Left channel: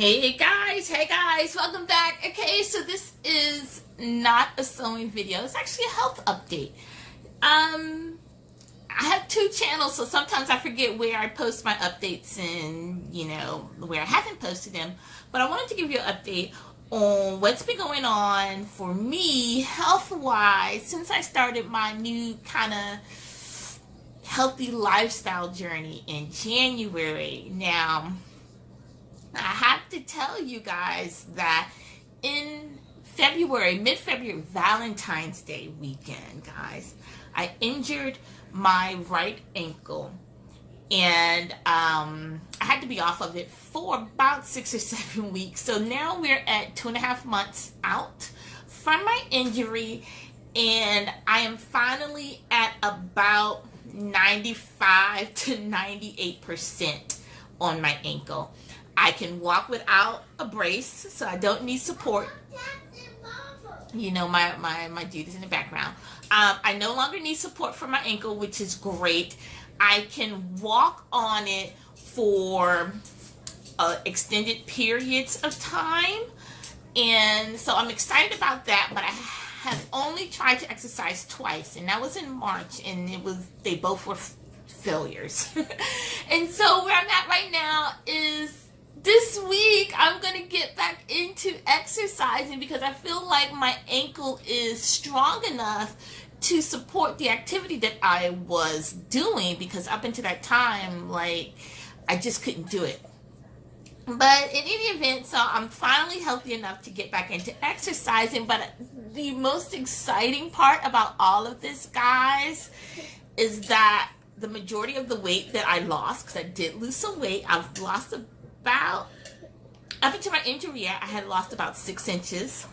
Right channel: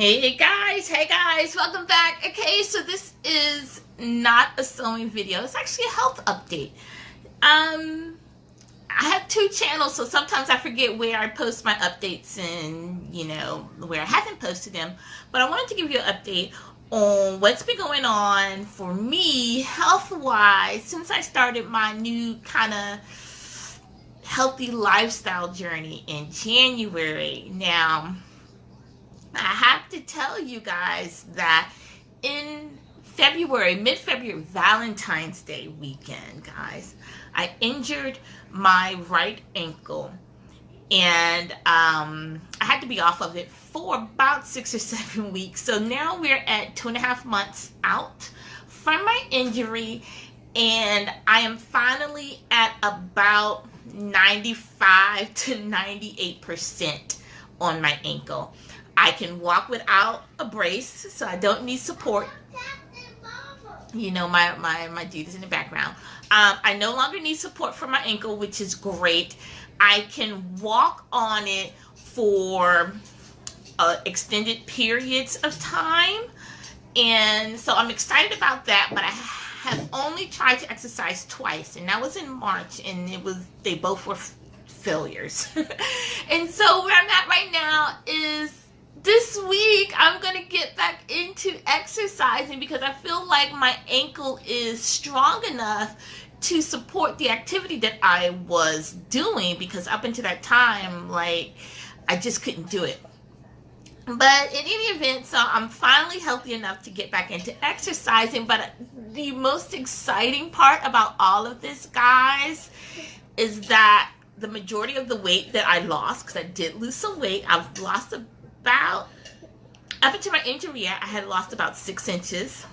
Hey guys, welcome back. Okay, so this is not a sewing video. It's actually a health update. I have two channels, so sometimes I forget where I post my updates and, where I haven't posted them. But I wanted to give you an update on what's been going on for me health-wise since I started my new kind of healthy lifestyle journey in January. Now, I have to tell you guys that in February, mid-February, Valentine's Day weekend, guys, I injured my right ankle, and I had to be off of it for about 6 or 7 weeks. So now we're at 2.5 months out from my injury, and I am finally at about 95 to 98% on my ankle. I can walk without a brace, so I don't need support. My dude is in the background. I no longer need support for my ankle, which is great. I can walk on it for extended periods of time, and so I'm excited about that. But I have only tried to exercise twice, and that was in March, and they both were failures. And so where I'm at right now is, this week, I'm going to get back into exercising because I feel like my ankle is strong enough to support the activity that I was doing, because up until that time, I just couldn't do it. But in any event, so I'm finally healthy enough to get back into exercising. But the most exciting part about all of this, guys, is that the majority of the weight that I lost, because I did lose some weight, I've lost about, up until my injury, I had lost about 6 inches.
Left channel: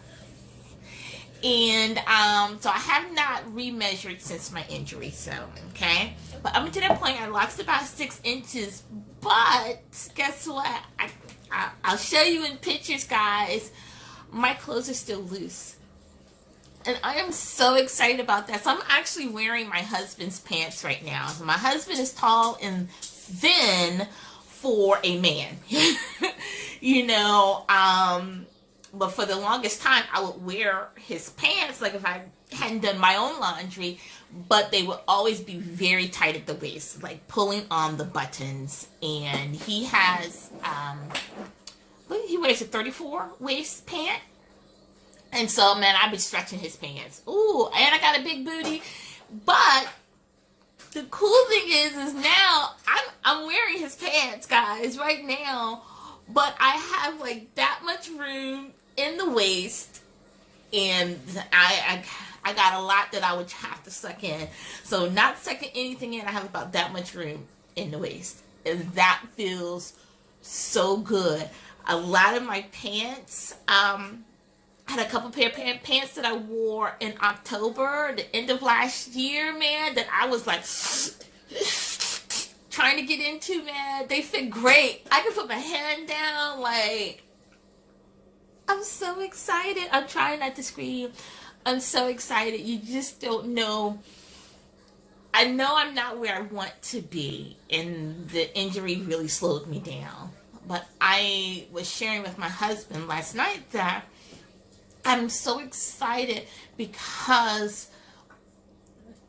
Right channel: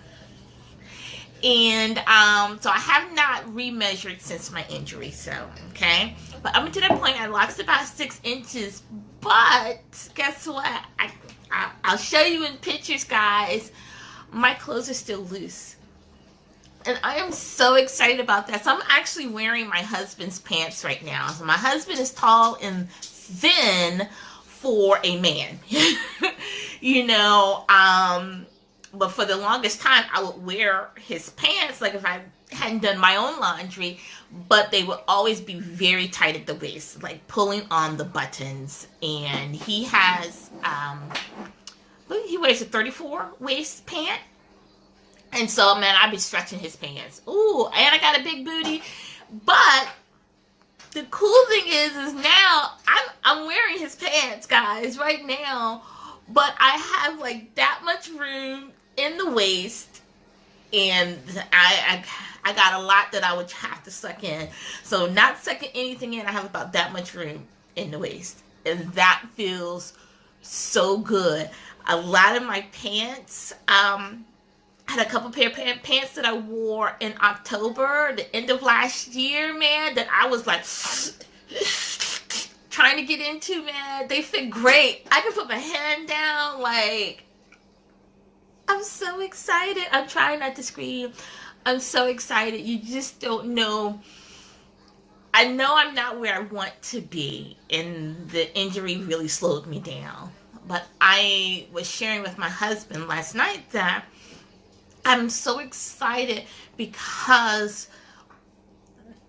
And so I have not remeasured since my injury, so, okay? But up until that point, I lost about 6 inches. But guess what? I'll show you in pictures, guys. My clothes are still loose. And I am so excited about that. So I'm actually wearing my husband's pants right now. So my husband is tall and thin for a man. But for the longest time, I would wear his pants, if I hadn't done my own laundry, but they would always be very tight at the waist, pulling on the buttons. And he has, he wears a 34 waist pant. And so, man, I'd be stretching his pants. Ooh, and I got a big booty. But the cool thing is now I'm wearing his pants, guys, right now. But I have that much room in the waist, and I got a lot that I would have to suck in. So not sucking anything in, I have about that much room in the waist, and that feels so good. A lot of my pants, I had a couple pair of pants that I wore in October, the end of last year, man, that I was trying to get into, man. They fit great. I can put my hand down, I'm so excited. I'm trying not to scream. I'm so excited. You just don't know. I know I'm not where I want to be, and the injury really slowed me down. But I was sharing with my husband last night that I'm so excited because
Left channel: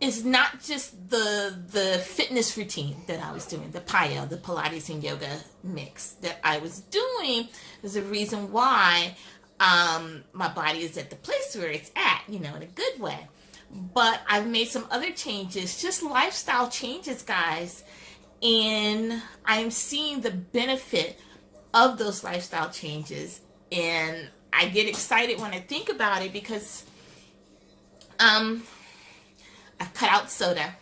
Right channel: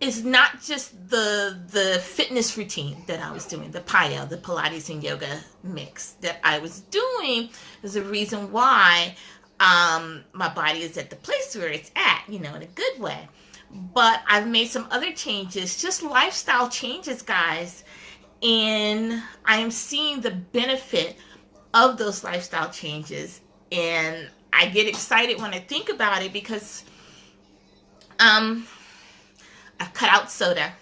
it's not just the fitness routine that I was doing, the PIO, the Pilates and yoga mix that I was doing. Is the reason why my body is at the place where it's at, in a good way. But I've made some other changes, just lifestyle changes, guys. And I am seeing the benefit of those lifestyle changes. And I get excited when I think about it because I've cut out soda.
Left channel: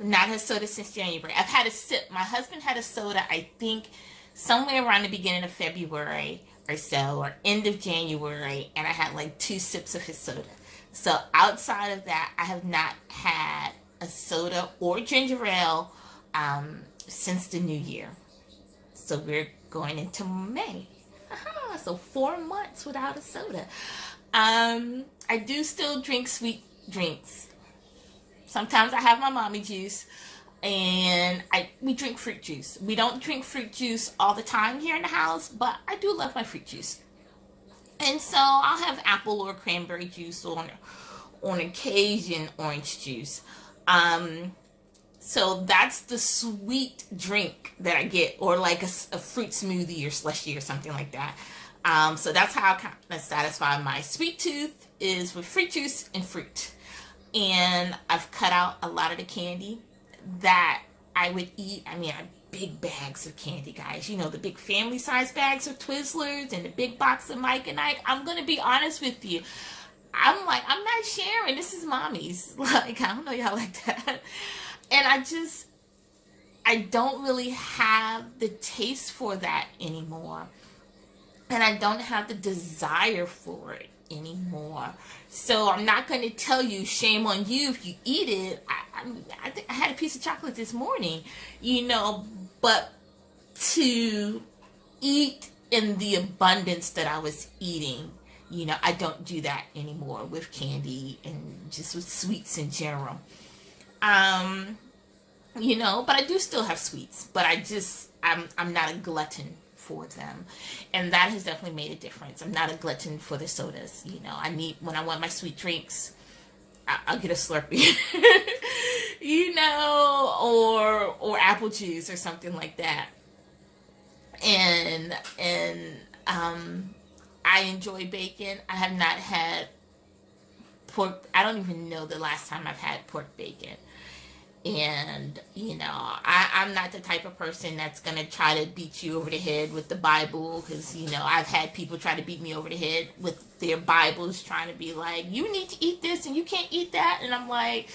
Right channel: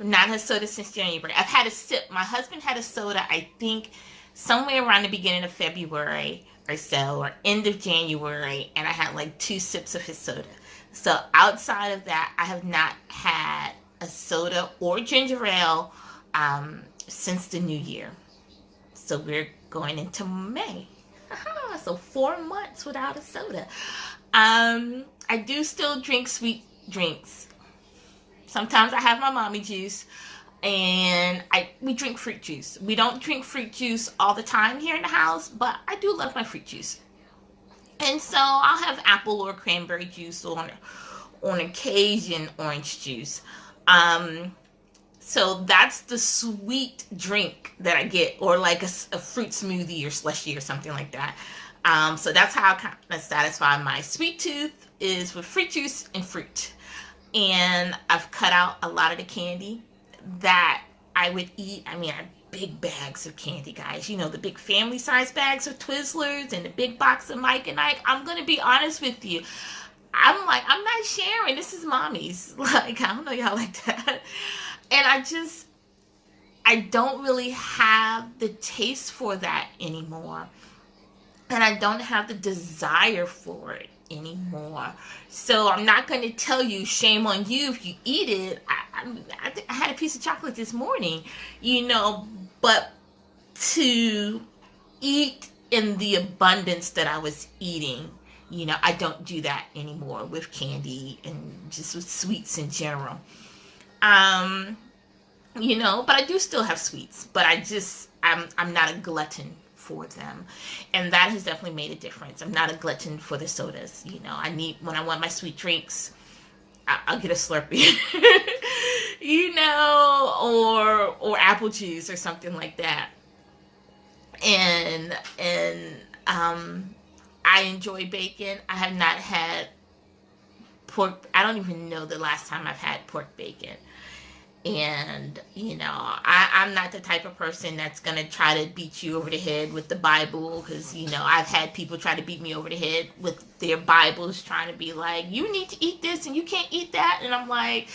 I've not had soda since January. I've had a sip. My husband had a soda, I think, somewhere around the beginning of February or so, or end of January, and I had 2 sips of his soda. So outside of that, I have not had a soda or ginger ale since the new year. So we're going into May. So 4 months without a soda. I do still drink sweet drinks. Sometimes I have my mommy juice. and we drink fruit juice. We don't drink fruit juice all the time here in the house, but I do love my fruit juice. And so I'll have apple or cranberry juice, or on occasion orange juice. So that's the sweet drink that I get, or like a fruit smoothie or slushy or something like that. So that's how I kind of satisfy my sweet tooth, is with fruit juice and fruit. And I've cut out a lot of the candy that I would eat. I mean, I have big bags of candy, guys. You know, the big family size bags of Twizzlers and the big box of Mike and Ike. I'm going to be honest with you. I'm like, I'm not sharing. This is mommy's. Like, I don't know y'all like that. And I don't really have the taste for that anymore. And I don't have the desire for it anymore. So I'm not going to tell you, shame on you if you eat it. I had a piece of chocolate this morning, you know, but to eat in the abundance that I was eating, you know, I don't do that anymore with candy and just with sweets in general. You know, but I do still have sweets, but I'm not a glutton for them. And that has definitely made a difference. I'm not a glutton for the sodas. You know, when I want my sweet drinks, I'll get a Slurpee, you know, or apple juice or something like that. And I enjoy bacon. I have not had pork. I don't even know the last time I've had pork bacon. And, you know, I'm not the type of person that's going to try to beat you over the head with the Bible, because, you know, I've had people try to beat me over the head with their Bibles, trying to be like, you need to eat this and you can't eat that. And I'm like,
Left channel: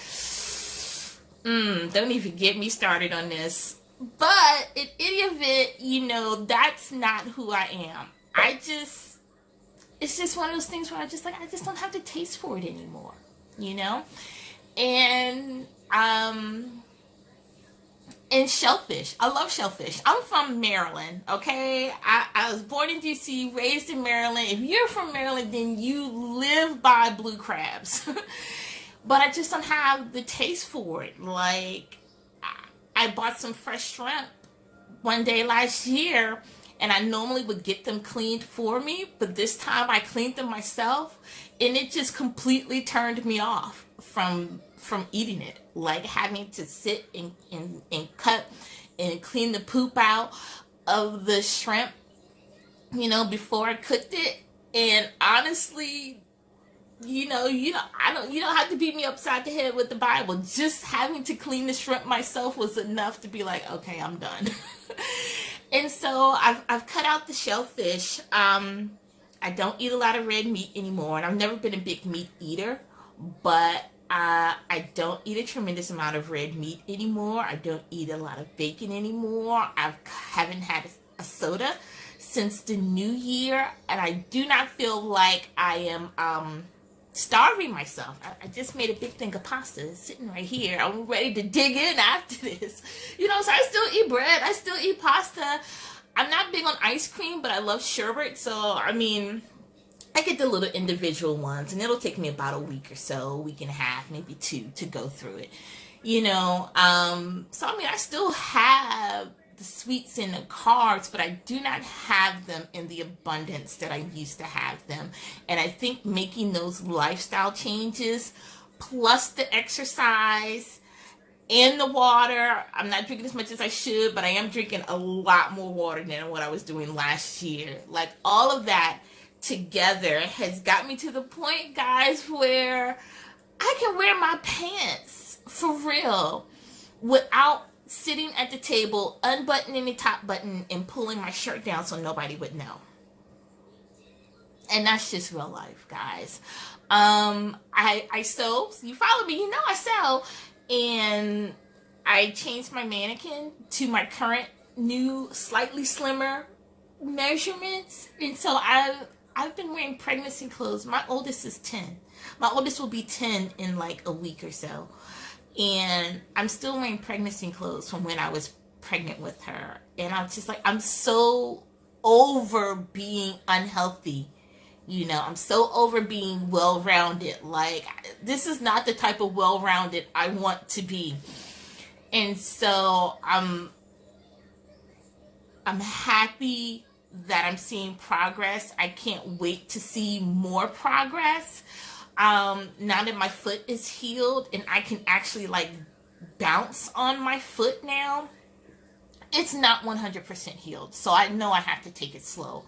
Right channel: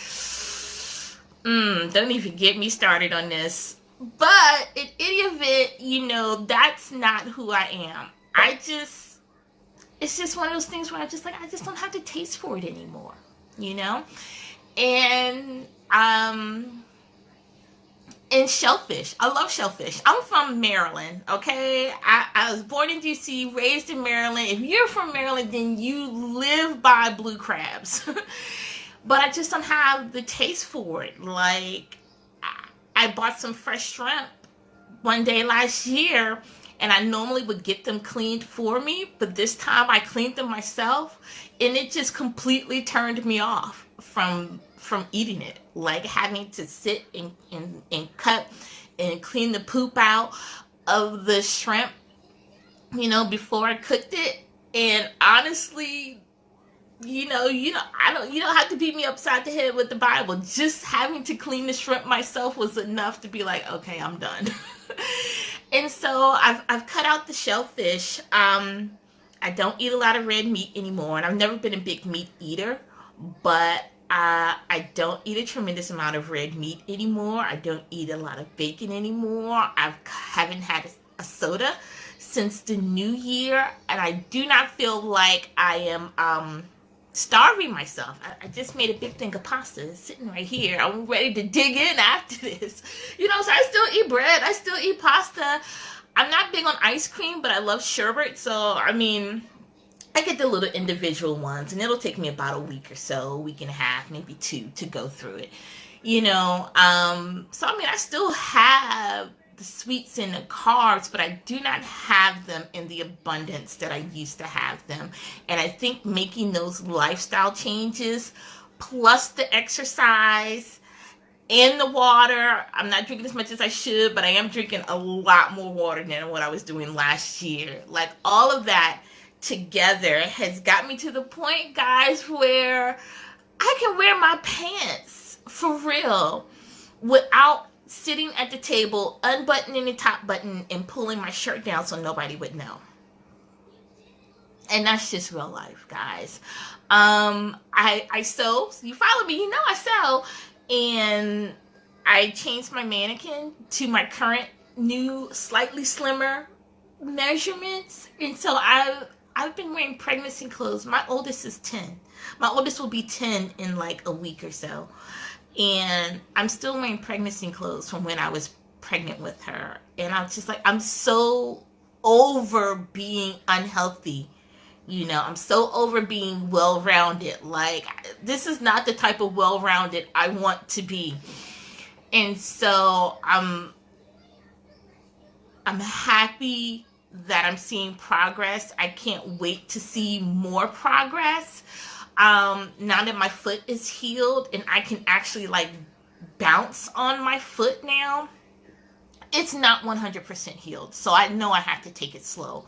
don't even get me started on this. But in any event, you know, that's not who I am. It's just one of those things where I just don't have the taste for it anymore, you know? And shellfish. I love shellfish. I'm from Maryland, okay? I was born in DC, raised in Maryland. If you're from Maryland, then you live by blue crabs. But I just don't have the taste for it. Like, I bought some fresh shrimp one day last year, and I normally would get them cleaned for me, but this time I cleaned them myself, and it just completely turned me off from eating it. Like, having to sit and cut and clean the poop out of the shrimp, you know, before I cooked it. And honestly, you don't have to beat me upside the head with the Bible. Just having to clean the shrimp myself was enough to be like, okay, I'm done. And so I've cut out the shellfish. I don't eat a lot of red meat anymore, and I've never been a big meat eater, but I don't eat a tremendous amount of red meat anymore. I don't eat a lot of bacon anymore. I haven't had a soda since the new year, and I do not feel like I am starving myself. I just made a big thing of pasta. It's sitting right here. I'm ready to dig in after this. You know, so I still eat bread. I still eat pasta. I'm not big on ice cream, but I love sherbet. So, I mean, I get the little individual ones, and it'll take me about a week or so, a week and a half, maybe 2 to go through it. You know, so I mean, I still have the sweets and the carbs, but I do not have them in the abundance that I used to have them. And I think making those lifestyle changes, plus the exercise and the water, I'm not drinking as much as I should, but I am drinking a lot more water than what I was doing last year. Like, all of that together has got me to the point, guys, where I can wear my pants for real without sitting at the table, unbuttoning the top button and pulling my shirt down so nobody would know. And that's just real life, guys. I sew. So you follow me, you know I sew. And I changed my mannequin to my current new, slightly slimmer measurements. And so I've been wearing pregnancy clothes. My oldest is 10. My oldest will be 10 in like a week or so. And I'm still wearing pregnancy clothes from when I was pregnant with her. And I'm just like, I'm so over being unhealthy. You know, I'm so over being well-rounded. Like, this is not the type of well-rounded I want to be. And so I'm happy that I'm seeing progress. I can't wait to see more progress. Now that my foot is healed and I can actually like bounce on my foot now, it's not 100% healed. So I know I have to take it slow.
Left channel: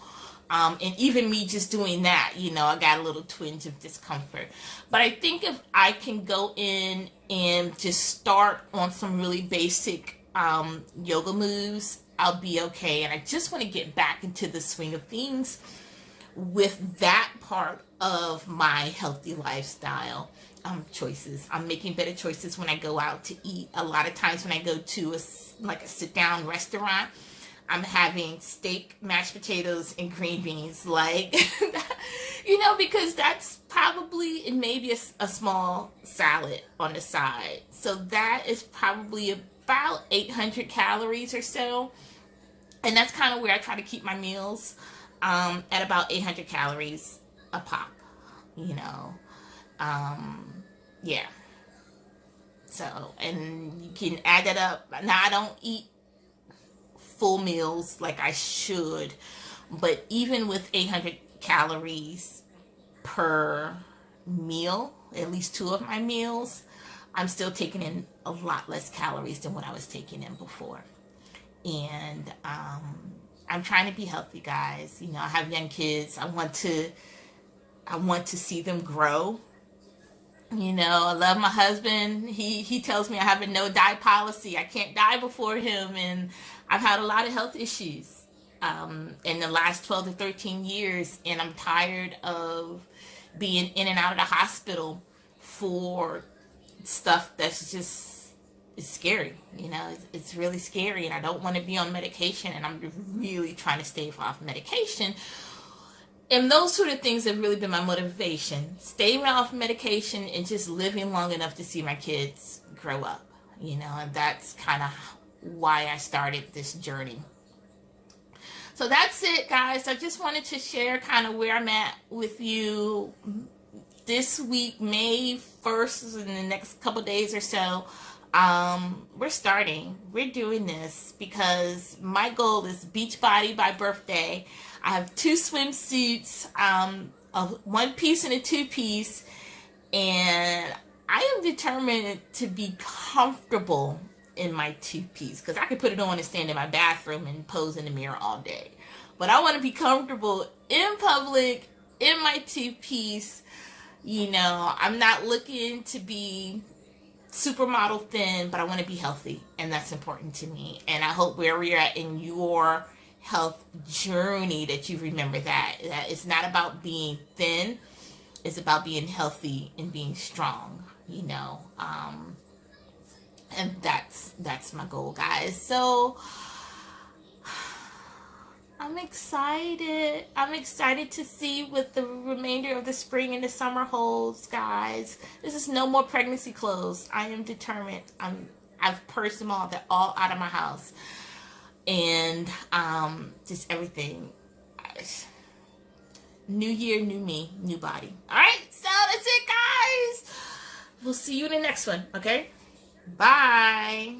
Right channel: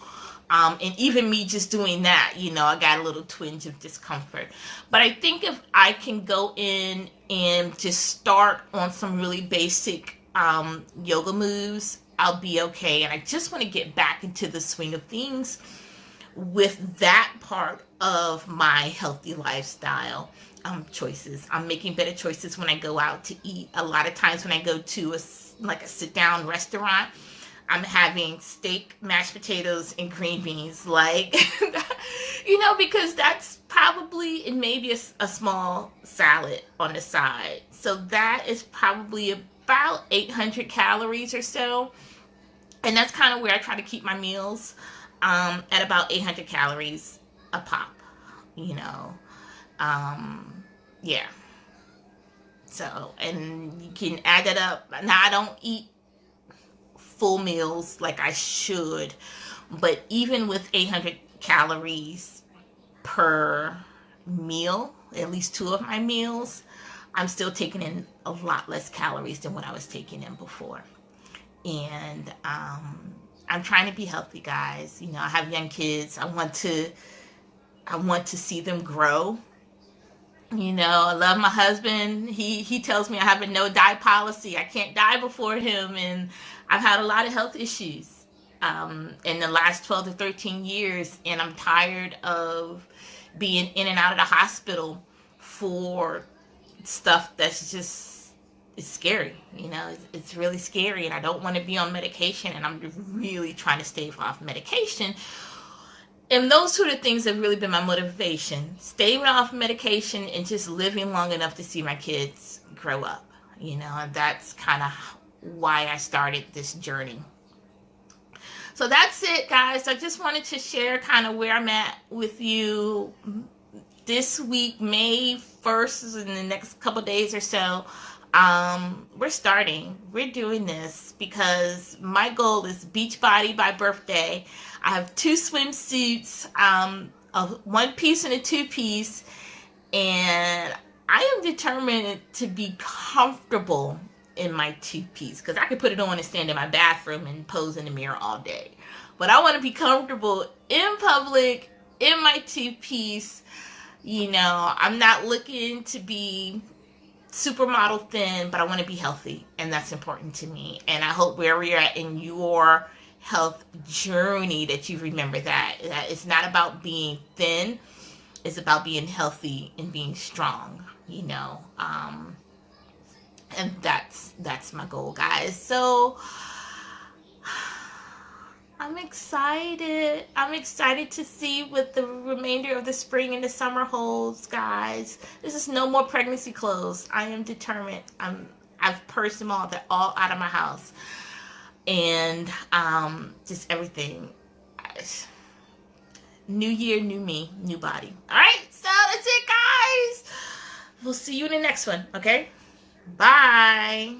And even me just doing that, you know, I got a little twinge of discomfort. But I think if I can go in and just start on some really basic yoga moves, I'll be okay. And I just want to get back into the swing of things with that part of my healthy lifestyle choices. I'm making better choices when I go out to eat. A lot of times when I go to a sit-down restaurant, I'm having steak, mashed potatoes, and green beans, like, you know, because that's probably, and maybe a small salad on the side. So that is probably about 800 calories or so. And that's kind of where I try to keep my meals, at about 800 calories a pop, you know. Yeah. So, and you can add that up. Now, I don't eat full meals like I should, but even with 800 calories per meal, at least 2 of my meals, I'm still taking in a lot less calories than what I was taking in before. And I'm trying to be healthy, guys. You know, I have young kids. I want to see them grow. You know, I love my husband. He tells me I have a no die policy. I can't die before him, and I've had a lot of health issues in the last 12 to 13 years, and I'm tired of being in and out of the hospital for stuff that's just, it's scary. You know, it's really scary, and I don't want to be on medication, and I'm really trying to stay off medication. And those sort of things have really been my motivation. Staying off medication and just living long enough to see my kids grow up. You know, and that's kind of why I started this journey. So that's it, guys. I just wanted to share kind of where I'm at with you this week, May 1st, in the next couple days or so. We're doing this because my goal is beach body by birthday. I have 2 swimsuits, a 1-piece and a 2-piece, and I am determined to be comfortable in my 2-piece, because I could put it on and stand in my bathroom and pose in the mirror all day. But I want to be comfortable in public in my 2-piece. You know, I'm not looking to be supermodel thin, but I want to be healthy, and that's important to me. And I hope where you're at in your health journey that you remember that it's not about being thin, it's about being healthy and being strong, you know. And that's my goal, guys. So I'm excited to see what the remainder of the spring and the summer holds, guys. This is no more pregnancy clothes. I am determined. I've purged them all. They're all out of my house. And just everything. New year, new me, new body. All right, so that's it, guys. We'll see you in the next one, okay? Bye.